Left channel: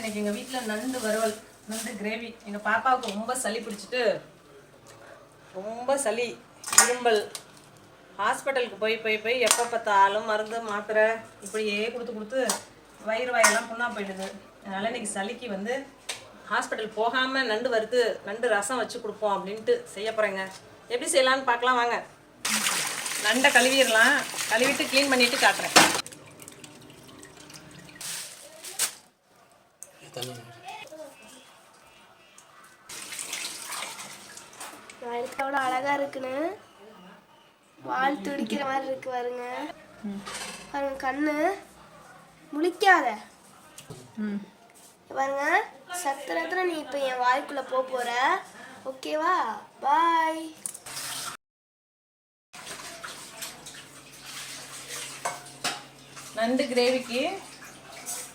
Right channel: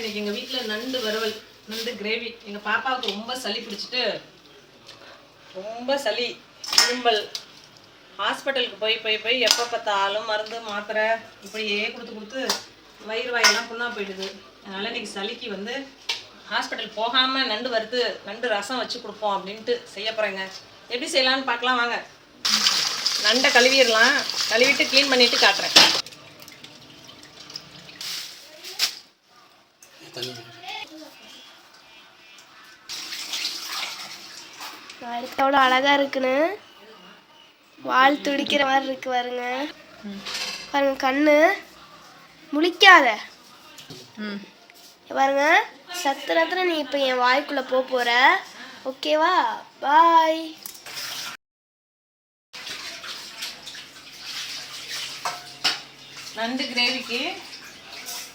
இன்னைக்கு எங்கள் வீட்டில் நண்டு வறுவல், நண்டு கிரேவி. எங்கள் பாப்பாவுக்கு ரொம்ப சளி பிடிச்சிட்டு, ரொம்ப சளி, இரும்பல், ஹாஸ்பிட்டலுக்கு போய் எப்போ பார்த்தாலும் மருந்து மாத்திரை இப்படியே கொடுத்து வயிறு வாயெல்லாம் புண்ணா போயிடுது. அதனால் இன்றைக்கி சளிக்கு வந்து ஹாஸ்பிட்டல் போகாமல் நண்டு வறுத்து நண்டு ரசம் வச்சு கொடுப்போம் அப்படின்ட்டு செய்ய போகிறேங்க. எப்படி செய்யலான்னு பார்க்கலாம் வாங்க. நண்டை கழுவிடலாம், கழுவிட்டு க்ளீன் பண்ணிவிட்டு காட்டுறேன். எவ்வளோ அழகா இருக்குன்னு, வால் துடிக்கிற மாதிரி இருக்கு பாருங்க. பாருங்க, கண்ணு முழிக்காத பாருங்க. சத்துரத்துல நீ இப்போ என் வாய்க்குள்ள போற. ஓகேவா? பாய். நண்டு கிரேவிக்கு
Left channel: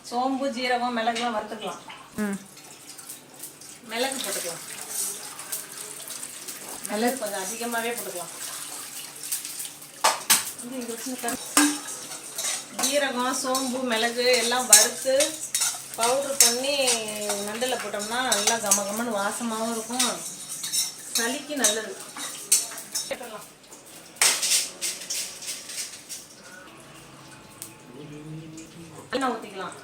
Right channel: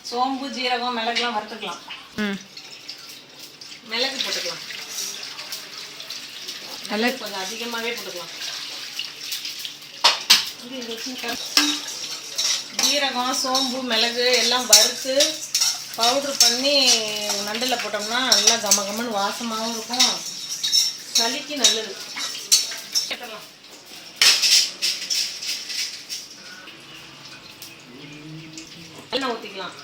சோம்பு, ஜீரகம், மிளகுலாம் வறுத்துக்கலாம். மிளகு போட்டுக்கலாம், மிளகு கொஞ்சம் அதிகமாகவே போட்டுக்கலாம். ஜீரகம், சோம்பு, மிளகு எல்லாம் வறுத்து பவுட்ரு பண்ணி நண்டில் போட்டோம்னா நல்லா கமகமன்னு வாசமாகவும் இருக்கும், சளிக்கு நல்லது. கேட்டலாம் எண்ணெய் ஊற்றிக்கலாம்.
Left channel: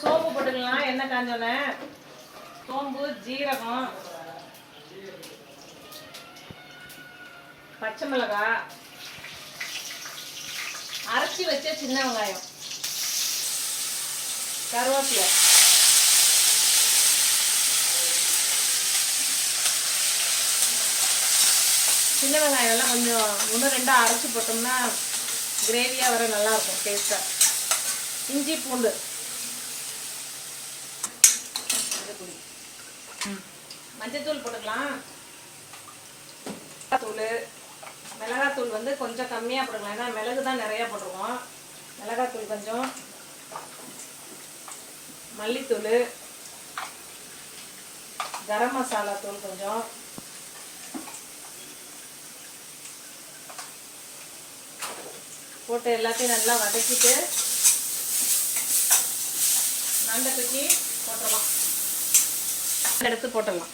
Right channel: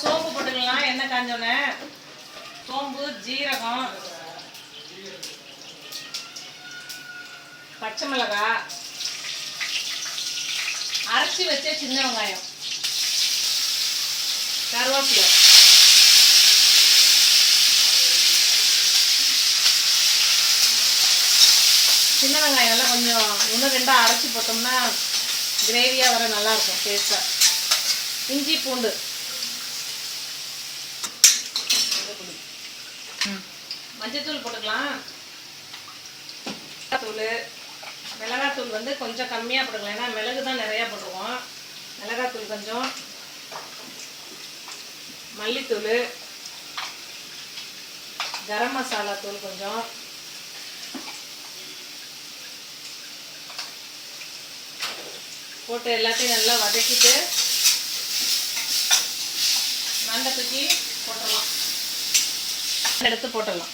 சோம்பு போட்டுக்கலாம். எண்ணெய் காஞ்சோன்னே சோம்பு, ஜீரகம், பச்சை மிளகாய், அரைச்சி வச்ச சின்ன வெங்காயம், கருவேப்பிலை, சின்ன வெங்காயம் எல்லாம் கொஞ்சம் ஒன்று ரெண்டாக அரைச்சி போட்டோம்னா கிரேவியாக வர நல்லாயிருக்கும், டேஸ்ட்டாக. இஞ்சி, பூண்டு, மஞ்சத்தூள் போட்டுக்கலாம். தூள், மிளகாத்தூள் வந்து கொஞ்சம் கம்மியாக போட்டுக்கலாம், ஏன்னா மிளகு தான் நிறையா போட்டுருவோம். மிளகாத்தூள் கொஞ்சம், மல்லித்தூள், கரம் மசாலா தூள் கொஞ்சம், போட்டு எல்லாத்தையும் நல்லா வதக்கிட்டு நண்டை தூக்கி போட்டுடலாம். எடுத்து போட்டுடலாம்.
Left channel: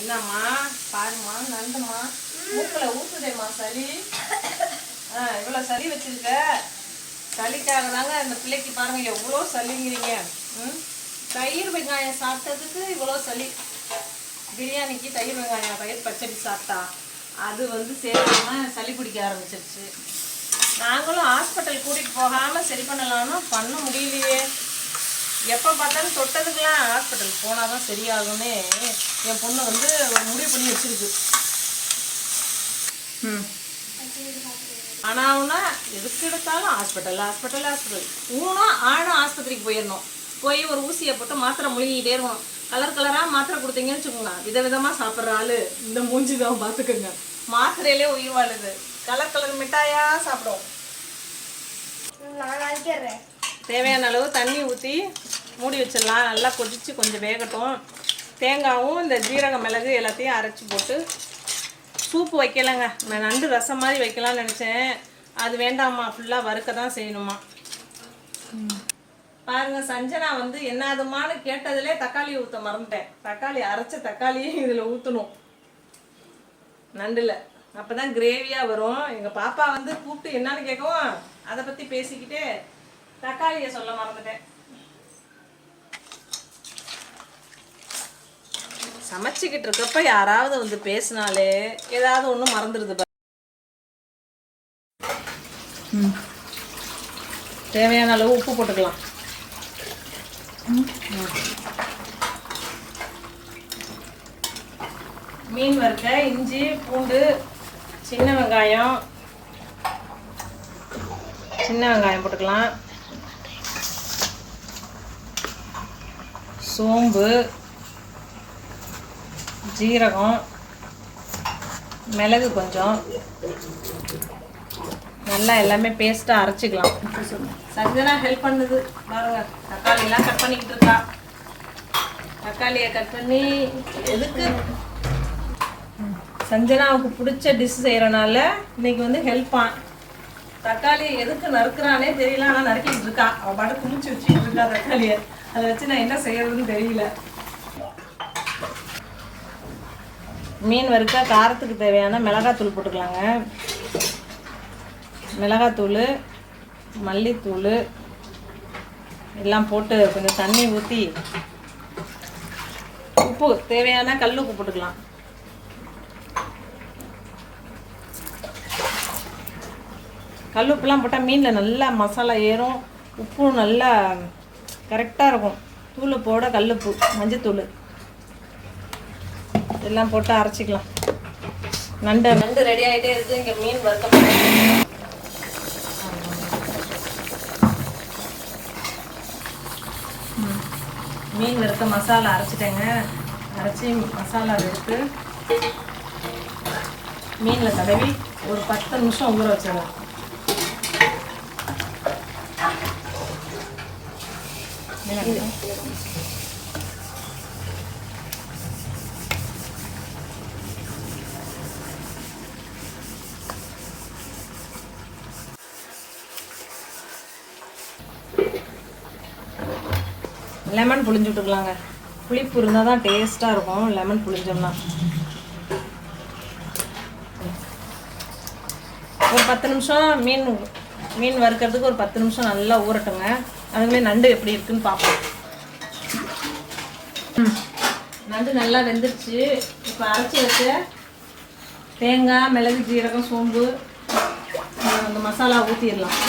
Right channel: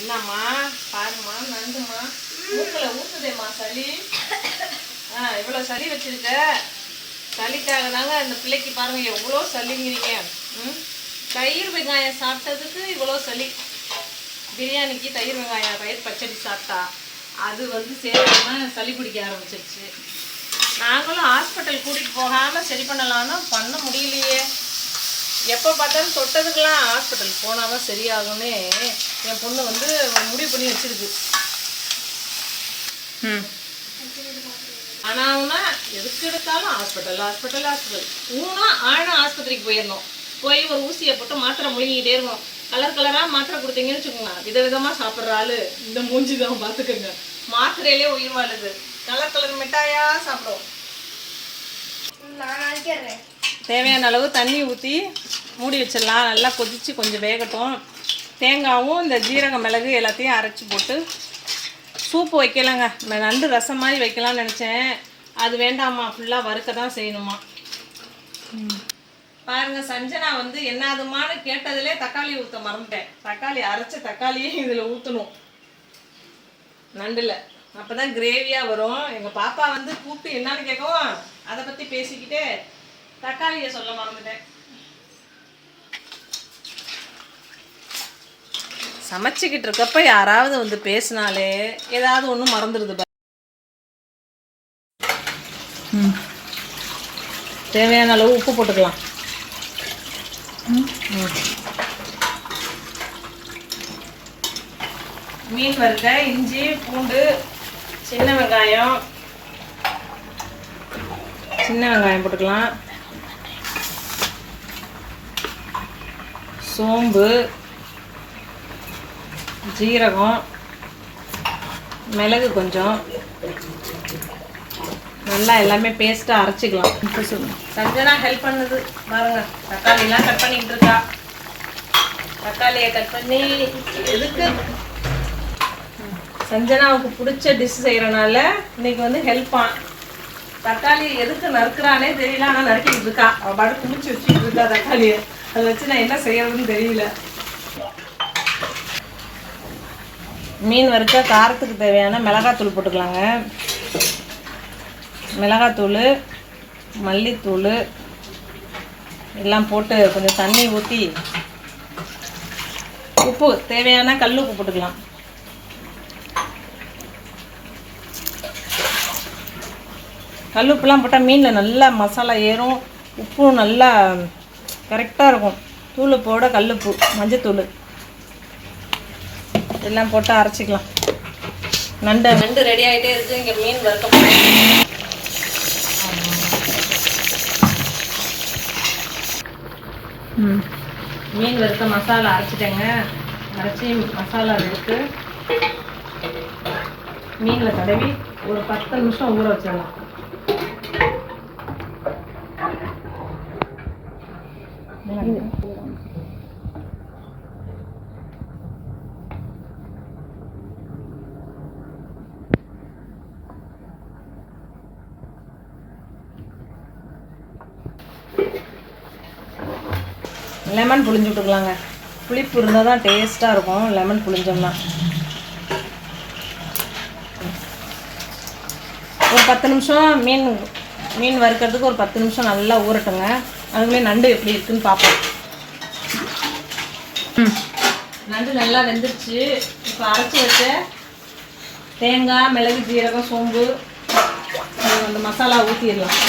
என்னம்மா பாருமா, நண்டுமா மூக்கில் ஊத்துதேம்மா சளி. இவ்வளோ சளி வச்சிருக்க. சளிக்காக தாங்க இந்த பிள்ளைக்கு பாருங்க எவ்வளோ சளிங்கிறீங்க. தயிர் வெங்காயம் சாப்பிட்டதுக்கு இவ்வளோ சளி. பிரியாணிக்கு தயிர் வெங்காயம், தயிர் பச்சடி சாப்பிட்டா அது வந்து சேராம சளி பிடிக்க ஆரம்பிச்சிருச்சு. நாங்களும் ஹாஸ்பிட்டல் கூட்டிகிட்டு போகாமல் சரி பண்ணலான்னு பண்ண முடியலையே. எப்போ பார்த்தாலும் தொட்டதுக்கெல்லாம் ஹாஸ்பிட்டலுக்கு போனால் தான் சரியாகும்னு என் பொண்ணு வந்து முடிவு பண்ணி வச்சிருக்கு. ஆனாவுன்னா எதுக்கு எடுத்தாலும் ஹாஸ்பிட்டல் ஊனா ஆனா ஆஸ்பத்திரிக்கு போயிடணும். போய் ஒரு ஊசியை போட்டு மாத்திரை முழுங்கிக்கிட்டே இருக்கணும். கலராக மாத்திரை கொடுத்தீங்கன்னு வச்சுக்கோங்க, விதவிதமாக சாப்பிட்ற ஆள் இந்த மூஞ்சி தான் பார்த்துக்கோங்க. மாத்திரையிலே உயிர் வாழுது. கலர் மிட்டாயாக சாப்பிடுவோம். தேவையான அளவு தண்ணி ஊற்றி மூடி வச்சிடலாம். நல்லா கொதித்து கொஞ்சம் வேகட்டும். தேங்காயும் இந்த ஜீரகம், மிளகு எல்லாத்தையும் அரைச்சி போட்டு சூப்பு வைக்கலாங்க. நண்டு ரசம் மாதிரி வைக்கலாம்னு நினச்சேன். அது வேண்டாமா, ஃபுல்லாக வறுக்க தான் செய்யணுமா. பாருங்க, சஞ்சனா வந்து என்னதுமானு கேட்டதுலே தக்காளி ஊற்ற மறந்துட்டேன். அரைச்ச தக்காளியே இதில் ஊற்றணும் நண்டில். அப்போ தான் கிரேவியாக வரும். எங்கள் பாப்பா வந்து கூப்பிட்டு என்னன்னு கேட்கவும் அதை பற்றி பேசிக்கிட்டே தக்காளியை சொல்ல மறந்துட்டேன். சமைச்சிக்கிட்டு இருக்கப்ப யாராவது வந்து பேசினாலே ஏதாவது ஒன்று மறந்துடுது. தேவையான அளவு உப்பு போட்டுக்கலாம். மீன் வறுக்க இஞ்சி, பூண்டு, சின்ன வெங்காயம் போட்டுக்கலாம். சோம்பு, ஜீரகம், மிளகு கொஞ்சம் நல்லா எல்லாமே பேஸ்ட்டாக அரைச்சிக்கலாம். சஞ்சனா ஹெல்ப் பண்ணுது பாருங்க, தக்காளிலாம் கட் பண்ணிக்கிட்டு இருக்கா. தக்காளியை கட் பண்ணி எதுக்கு சஞ்சனாவுக்கு பிடிச்ச டிஷ் செய்கிறனால இன்னைக்கு வந்து ஹெல்ப்பா. தக்காளி எதுக்கு நறுக்கிறானே தெரியல, ஆனால் நறுக்கிட்டு இருக்கா. அவள் பாட்டு குமிச்சு வச்சுட்டு இருக்கா தக்காளியை. அதை வச்சு நான் என்ன செய்யறதுன்னு தெரியல. மீன் வறுக்க காரத்துக்கு தேவையான மிளகாத்தூள் போட்டுக்கலாங்க. மிளகாத்தூள், மல்லித்தூள் எல்லாம் போட்டு கொஞ்சம் தண்ணி ஊற்றி உப்பு தேவையான கல் உப்பு போட்டுக்கலாம். கல் உப்புலாம் போட்டால் மீனில் நல்லா மசாலா ஏறும், உப்பும் நல்லா கரெக்டாக இருக்கும். தூள் போட கல்லுப்பு, மஞ்சத்தூள் எல்லாம் போட்டு அரைச்சிக்கலாம். நண்டு ரெடி ஆகிட்டே இருக்குது. இங்கே மீன் வறுக்க போகிறேன். மீன் வறுக்க மசாலா அரைச்சிட்டேங்க. அரைச்சி மசாலா எடுத்து மீனில் தடவி ஒரு 10 நிமிஷம் ஊற வச்சிடலாம். லெமன் புளிஞ்சு விட்டுக்கலாங்க. புளிப்பு இருந்தால் தான் டேஸ்ட்டாக இருக்கும். லெமன் புளிஞ்சோம்னா ஒரு 10 நிமிஷம் மீன் வறுக்கிறதுக்கு ஒரு 10 நிமிஷம் நல்லா ஊறட்டுங்க. அதுக்குள்ளே நண்டு எப்படி இருக்குன்னு பார்ப்போம். நண்டு நல்லா வெந்துருச்சு. இப்போ அரைச்சி வச்ச தேங்காய், மிளகு, ஜீரகம், சோம்பு அந்த மசாலா ஊற்றிடலாம்.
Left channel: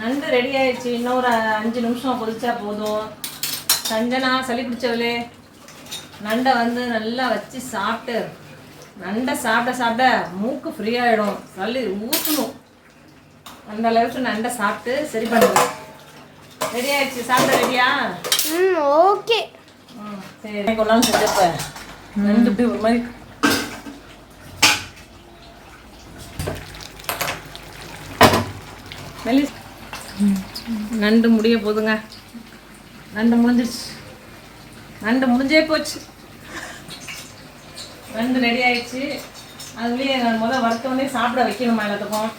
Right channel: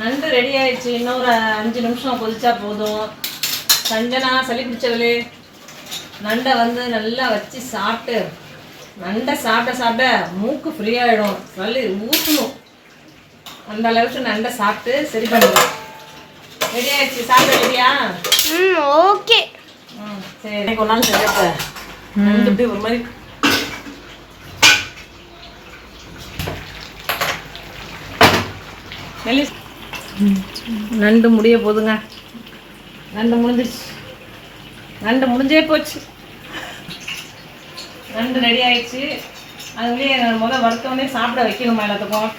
நண்டு ரெடி ஆயிடுச்சு. இன்னொரு 5 நிமிஷம் கொதிச்சா போதும். சஞ்சனா சளி பிடிச்சவளே, நண்டை வந்து நல்லா வச்சு சாப்பிட்டு, நண்டை சாப்பிட மூக்கு ஃப்ரீயாகிடும். சளி ஊற்றணும். அந்த அளவுக்கு நண்டை சாப்பிட்டு சரி பண்ணிடலாம். ரெடி ஆயிடுச்சு. சாப்பிட ரெடியா? ஓகே. சரி, கொண்டாந்து சொல்லிட்டேன். நண்டு இப்படி ஒரு மாதிரி நண்டு முடிய போதுங்க. நண்டு முடிஞ்சிருச்சு. நண்டு முடிஞ்சே போச்சு. நண்டு ரெடி ஆயிடுச்சு. அதுலேயே முதல்ல வறுத்தோடனே சாப்பிட வைக்கணுமா எல்லாத்துக்கும்.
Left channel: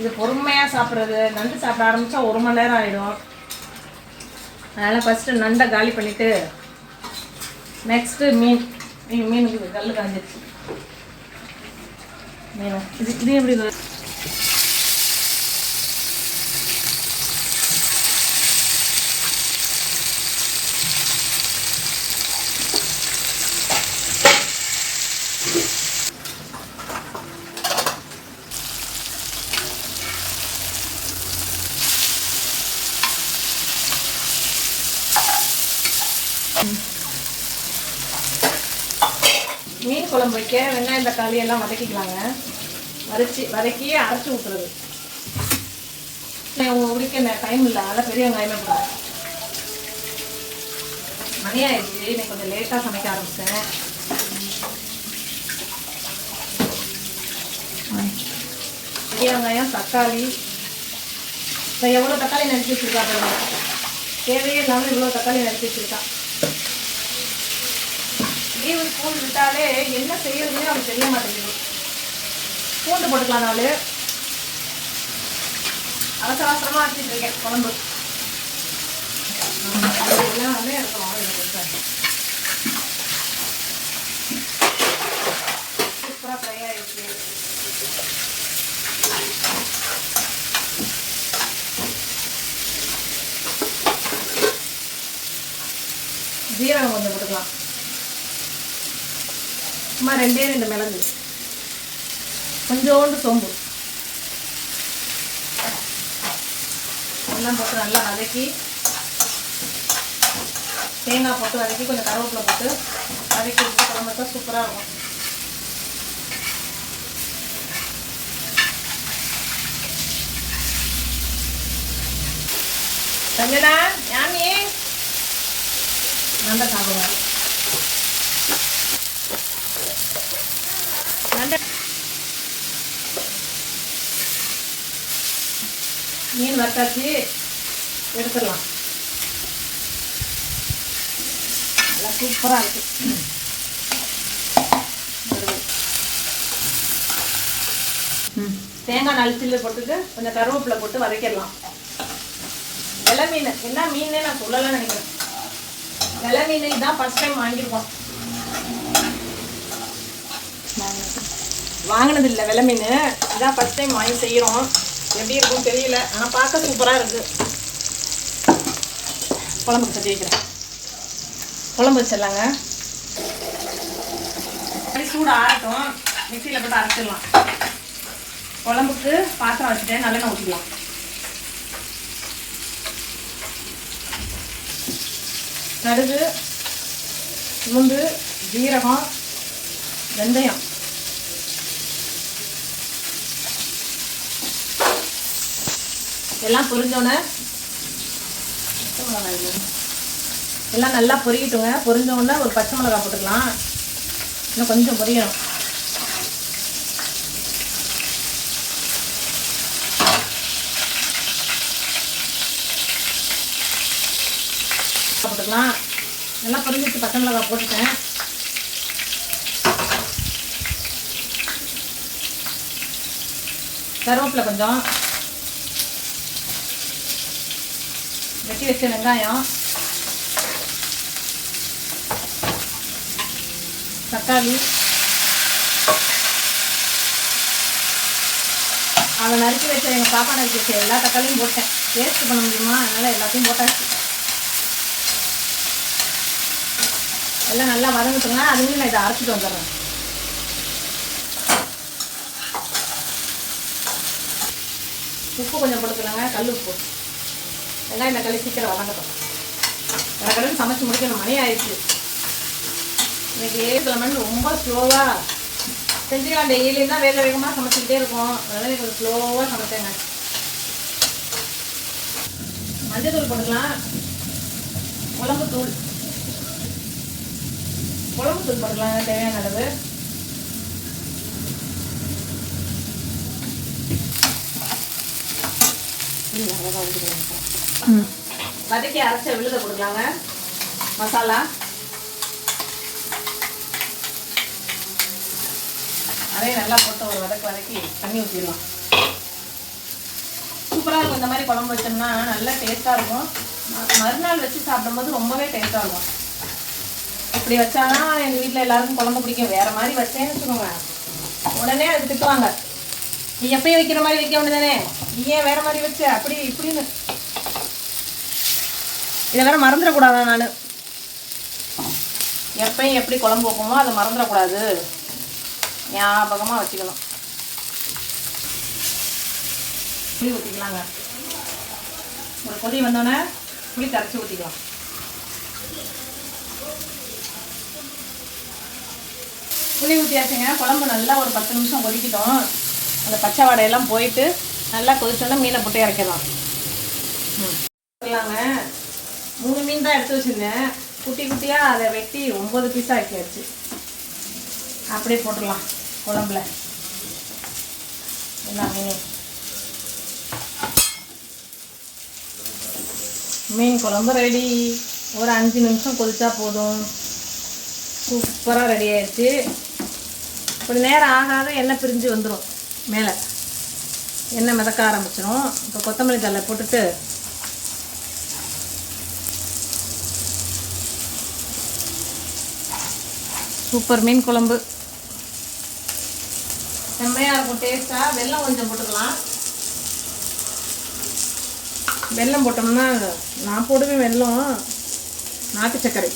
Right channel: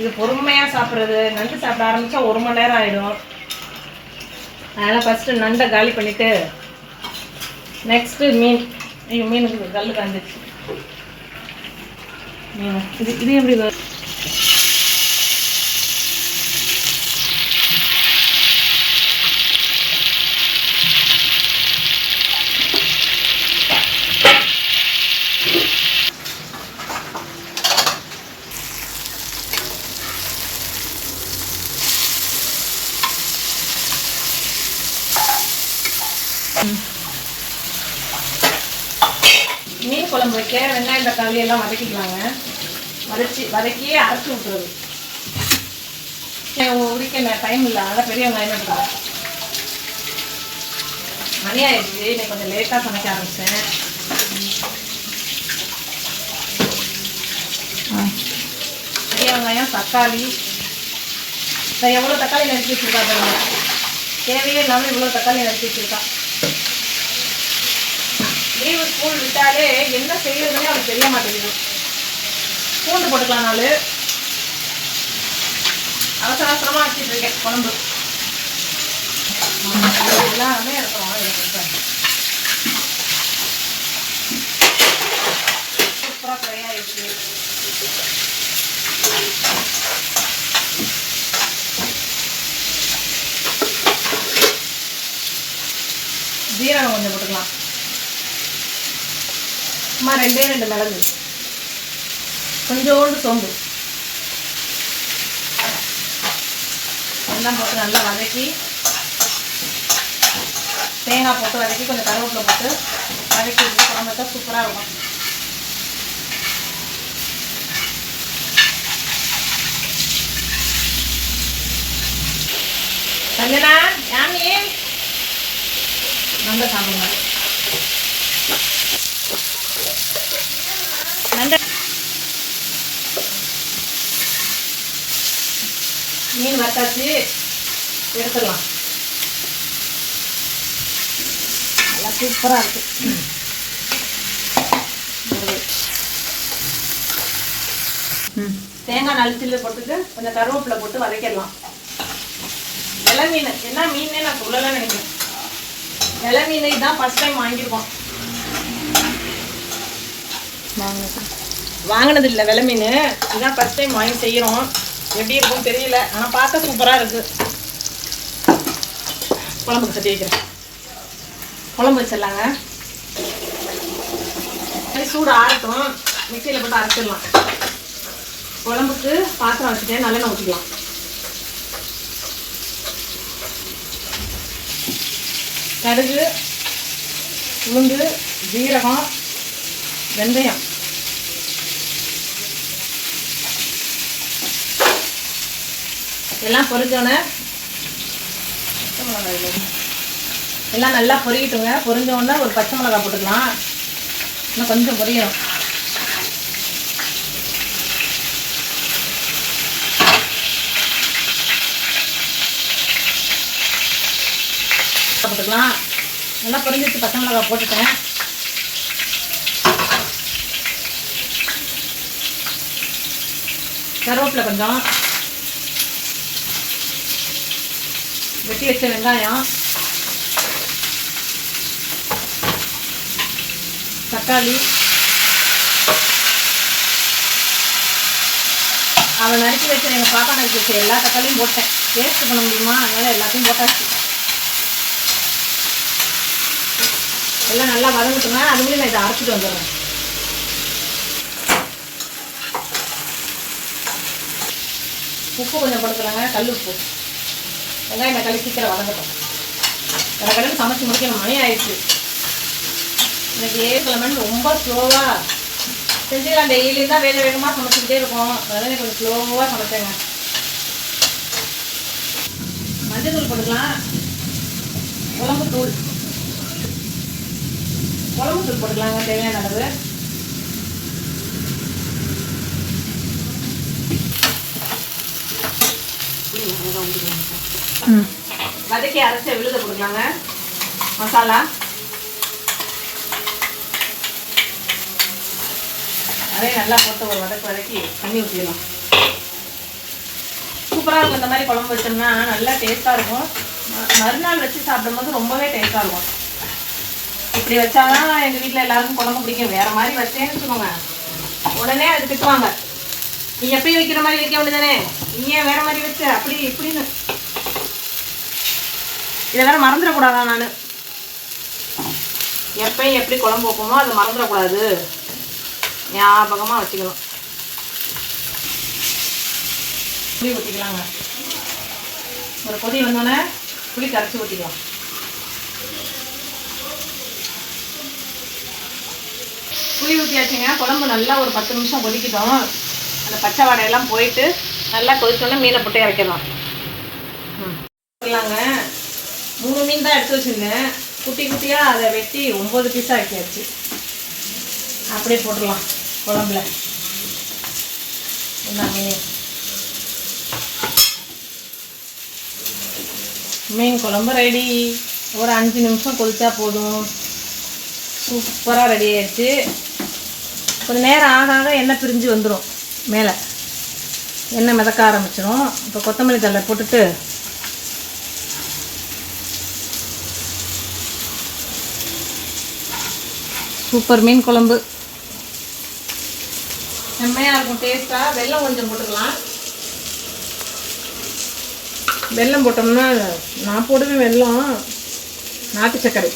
இது பொறுமையாக சாப்பிட்றது. நண்டு சாப்பிட ஆரம்பித்தா 1 மணி நேரம் ஆகிடும். அதனால் ஃபஸ்ட்டு நண்டை காலி பண்ணிவிட்டு நெக்ஸ்ட்டு மீனுக்கு கல் காஞ்சிருச்சு. இது எப்படி மீன் குழம்பு வைக்க வெங்காயம் தக்காளி எல்லாம் வதக்கிக்கலாங்க. வதக்கி அரைச்சி விட்டுறது. உரிக்க டைம் இல்லை, அதனால் பெரிய வெங்காயமே போடுறேன். மணி ஆயிடுச்சு. இன்னைக்கு கொஞ்சம் லேட்டாக சமைக்க ஆரம்பித்தேன். பெரிய வெங்காயம், தக்காளி. எவ்வளோ தக்காளி நறுக்கி வச்சுருக்கா பாருங்க. தேவையே இல்லாமல் இவ்வளோ தக்காளி நறுக்கி வச்சுருக்கா. லீவு ஸ்கூல் விட்டாலே என்ன செய்யறதுன்னு அவனுக்கு தெரிய மாட்டேங்குது. பூண்டு போட்டுக்கலாம். 4 அவசரமாக வச்சுட்டு இருக்கேன் குழம்பு. எல்லாமே இருக்கும். சூப்பராக ஃப்ரை ஆயிடுச்சு. ஜீரகம் கொஞ்சம் போட்டுக்கலாம். சும்மா 2 மிளகு, கொஞ்சோண்டு சோம்பு எல்லாம் போட்டு நல்லா வதக்கி, தேங்காய் போட்டு வதக்கி கொஞ்சம் கருவேப்பிலை போட்டு வதக்கி விட்டு குழம்பு வச்சா சூப்பராக இருக்கும். சஞ்சனா யாமி நண்டை சாப்பிடுங்க. மீன் வத்தாச்சு, எடுத்துடலாம். சூப்பராக இருக்குது. தேங்காய் நலிச்சில் போட்டுட்டு கொஞ்சம் கருவேப்பிலை போட்டு வதக்கிடலாம். வெலை மீன் என்ன மீனே நான் சொல்லலாம் நினைக்கிறேன். வெலை மீன் இதான் ஃபர்ஸ்ட் டைம் வாங்கியிருக்கோம். வாங்கினது இல்லை வெலை மீன், இதான் ஃபர்ஸ்ட் டைம் வாங்கி செய்கிறோம். எப்படி இருக்கும்னு தெரியல, ஆனால் பார்க்க சூப்பராக இருக்குது. குழம்புக்கு சட்டி வைக்கிறேன். குழம்பு வச்சிடலாங்க. சூடு ஆறட்டும், மிக்சியில் போட்டு அரைச்சிடலாம். குழம்புக்கு பாத்திரம் வச்சுட்டேன், நல்லெண்ணெய் ஊற்றிக்கலாம். கடுகு, உளுந்து, ஜீரகம், வெந்தயம், எல்லாம் பொரிஞ்சோன்னே எல்லாம் நல்லா பொரியட்டுங்க. பொரிஞ்சோடனே ஒரு பச்சை மிளகாய் போட்டுக்கலாம். இன்னும் கொஞ்சம் பொரியணும். போட்டுக்கலாம். நல்லா பொரிஞ்சிட்டு பச்சை மிளகாய் போட்டுட்டேன். கருவேப்பிலை கொஞ்சம், வெட்டி வச்ச வெங்காயம், தக்காளி, அவன் நறுக்கி வச்ச எங்கள் பாப்பா நறுக்கி வச்ச எல்லா தக்காளியும் போட்டேன். டேஸ்ட் பண்ண முடியுமா, அதனால் எல்லாத்தையும் போட்டாச்சு. எல்லாம் நல்லா வதங்கட்டுங்க. அதுக்குள்ளே நான் இதை அரைச்சிட்டு வந்துடுறேன். உப்பு கொஞ்சம் போட்டுக்கிறாங்க, கல் உப்பு. வெங்காயம் தக்காளி சீக்கிரம் வதங்கட்டும். கடற்கடன்னு சமைச்சு முடிக்கணும், மணி ஆயிடுச்சு. எனக்கு ஏழு ரொம்ப ஸ்லோவாக செஞ்சுக்கலாம். டெய்லியும் தான் வேக வேகமாக சமைச்சிக்கிட்டே இருக்கும். அதனால கொஞ்சம் ஸ்லோவாக சமைச்சேங்க. மஞ்சள் தூள் போட்டுக்கலாம். குழம்பு தூள் போட்டுக்கலாங்க தேவையான அளவு. வதக்கி அரைச்ச விழுத கொடுக்கலாங்க. மசாலா அதையும் நல்லா போட்டு ஒரு வதக்கி தண்ணி ஊற்றிடலாம். சூப்பராக இருக்கும். இந்த மாதிரி குழம்பு வச்சோம்னா நல்லா டேஸ்ட்டாக இருக்கும். மறுநாள் வச்சு சாப்பிடும்போது ரொம்பவே டேஸ்ட்டாக இருக்கும். இப்படி வச்சாதான் எங்கள் வீட்டில் எல்லாருக்கும் குழம்பு பிடிக்கும். வேறு மாதிரி வச்சேன்னு வச்சுக்கோங்க, உடனே அது திட்டுவாங்க. நீ எப்பயும் வைக்கிற மாதிரி வைக்க வேண்டியதானே, நீ ஏன் வேறு மாதிரி வச்ச அப்படி இப்படின்னு. இதை வேறு மறந்துடக்கூடாதா? நான் எப்பயும் எப்படி குழம்பு வைப்போமோ அதை மறந்துடக்கூடாது, ஞாபகமாக வச்சுக்கணும். புளி ஊற்றிக்கலாங்க. ஒரு கொதி வந்தோடனே புளி கரைச்சி ஊற்றிக்கலாம். புளி ஊற்றியாச்சுங்க. குழம்பு நல்லா ஒரு 10 நிமிஷம் கொதிக்கிட்டோம். அந்த பச்சை வாடையெல்லாம் போயிட்டு நல்லா கொதிச்சோன்னே மீனை போட்டு இறக்கிடலாம். போடலாங்க. 3 மீன் தான் எடுத்து வச்சுருந்தேன். குட்டி குட்டியாக அதை வெட்டி 9 பீஸாக ஆக்கியாச்சு. அப்படியே போட்டுடலாம் குழம்புல எல்லா மீனையும். மீன் குழம்பு ரெடி. ஒரு 5 நிமிஷம் கொதிச்சா போதும். சூப்பராக ரெடி ஆயிடுச்சு. கொஞ்சம் நேரம் ஆக ஆக எண்ணெய் பிரிஞ்சு வந்துடும். மேலே எண்ணெய் மிதக்க ஆரம்பிச்சிடும். இப்போ கொத்தமல்லி தழை போட்டுட்டு சூப்பர் மீன் குழம்பு செம்மையாக இருக்கும் டேஸ்ட்டாக. வெல்லம் கொஞ்சம் போட்டுக்கலாம். வெல்லம் போட்டோம்னா நான் போடுவேன் வெல்லம், நாட்டு சர்க்கரை,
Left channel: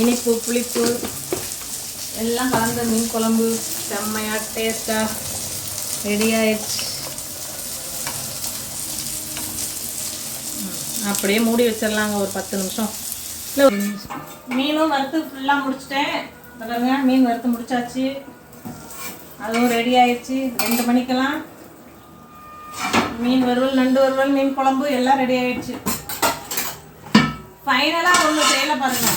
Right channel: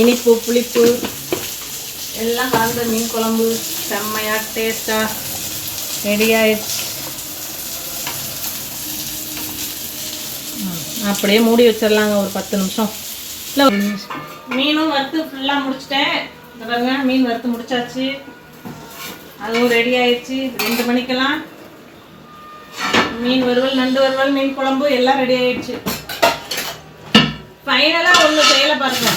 இனிப்பு புளிப்பு எல்லாம் கலந்த மீன் குழம்பு செம்மையாக டேஸ்ட்டாக ரெடி ஆயிடுச்சு. அப்படியே மூடி வச்சிடலாங்க ஒரு 10 நிமிஷம். இல்லை மீனும் வறுத்து ஃபுல்லாக முடிச்சிட்டேன். இந்த பாருங்க, மீன் வறுத்து முடிச்சாச்சு. அதுவும் ரெடி ஆயிடுச்சு. 2 மணிக்கெல்லாம் மீன் வறுவல், நண்டு வறுவல், மீன் குழம்பு எல்லாம் ரெடி ஆயிடுச்சு. ஃபைனலாக ஒன்று செய்யலை பாருங்க,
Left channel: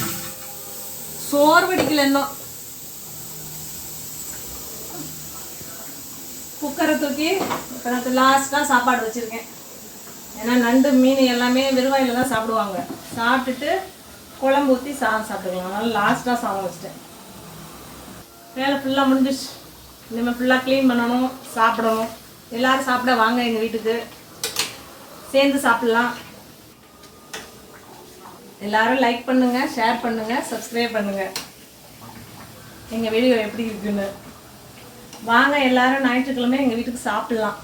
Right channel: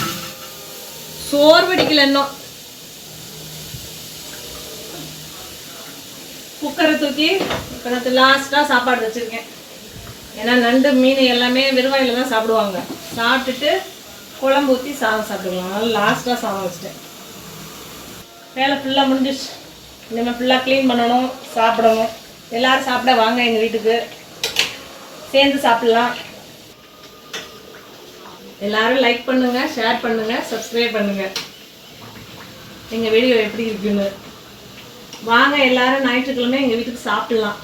சோறு வடிக்கல இன்னும். குக்கரை தூக்கி லாஸ்ட்டாக சாப்பாடு வச்சுருக்கேன். ஏன்னா நண்டு மீன் எல்லாமே வெறுவாயில் தான் சாப்பிடுவாங்க. சாப்பிட்டுட்டு குழம்பு ஊற்றி சாதம் சாப்பிட்டுக்கலாம். அதனால லாஸ்ட்டாக சாதம் வச்சிட்டேன். வேலை ஃபுல்லாக முடிஞ்சிச்சு. இனிமேல் ஃபுல்லாக க்ளீன் பண்ணணும், சாப்பிடணும். எல்லோரும் சாப்பிட வாங்க எங்கள் வீட்டுக்கு, சேர்ந்து சாப்பிட்லாம். எல்லாரும் லைக் பண்ணுங்கள், ஷேர் பண்ணுங்கள், சப்ஸ்கிரைப் பண்ணுங்கள். எங்கள் வீடியோ எப்படி இருக்குன்னு வாங்க. எல்லாரும் ஞாயிற்றுக்கிழமை எங்கள் வீட்டுக்கு சாப்பிட்லாம்.